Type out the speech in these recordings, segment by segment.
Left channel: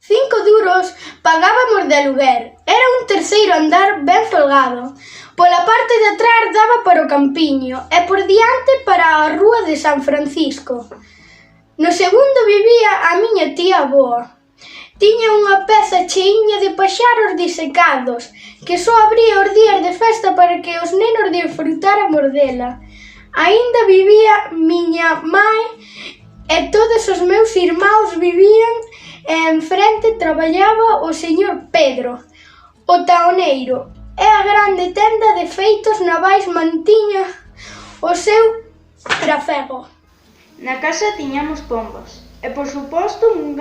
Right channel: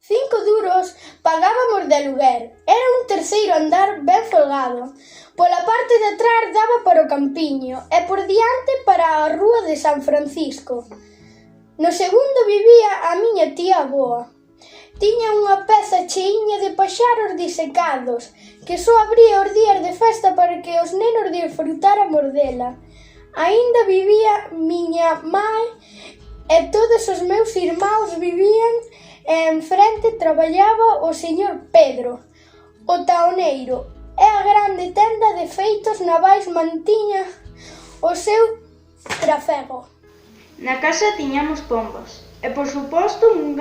5 duros pagábamos de aluguer. Era un terceiro andar ben folgado. Pola parte de atrás daba para o campiño e por diante para a rúa de San Francisco. No segundo vivía a miña tía avoa. Tiña unha peza cheiña de paxaros disecados, que só abría os días de festa para que os nenos disfrutáramos dela. Aínda vivía miña mai e todos os meus irmáns vivían e enfrente traballaba o señor Pedro, o taoneiro, e a grande tenda de feitos navais mantiña o seu trafego. Na casa tiñamos pombas e, por suposto, un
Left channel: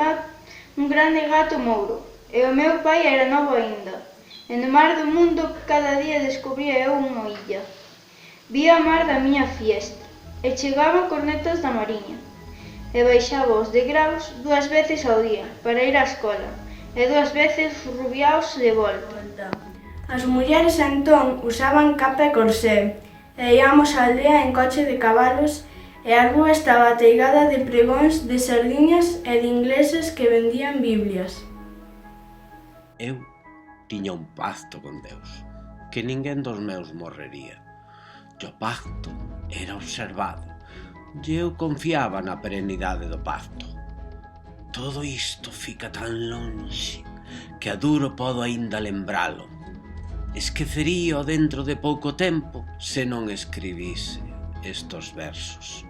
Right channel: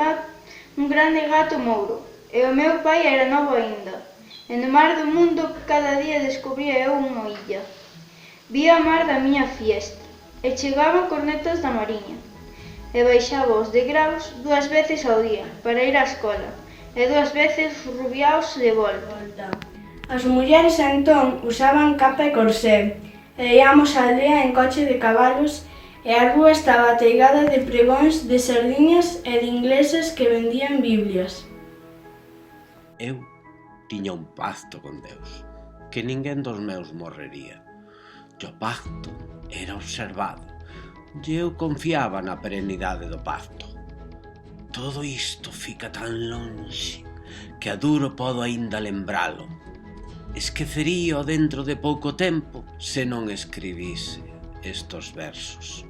grande gato mouro. E o meu pai era novo aínda, e no mar do mundo cada día descubría eu unha illa. Vía a mar da miña fiesta, e chegaban cornetas da mariña, e baixaba os degraus 2 veces ao día para ir á escola, e 2 veces rubiaos de volta. As mulleres entón usaban capa e corsé, e íamos á aldea en coche de cabalos, e a rúa estaba ateigada de pregóns de sardiñas e de ingleses que vendían biblias. Eu tiña un pacto con Deus, que ninguén dos meus morrería. E o pacto era observado, e eu confiaba na perenidade do pacto. Todo isto fica tan lonxe que a duro podo aínda lembralo. Esqueceríao dentro de pouco tempo se non escribise estos versos.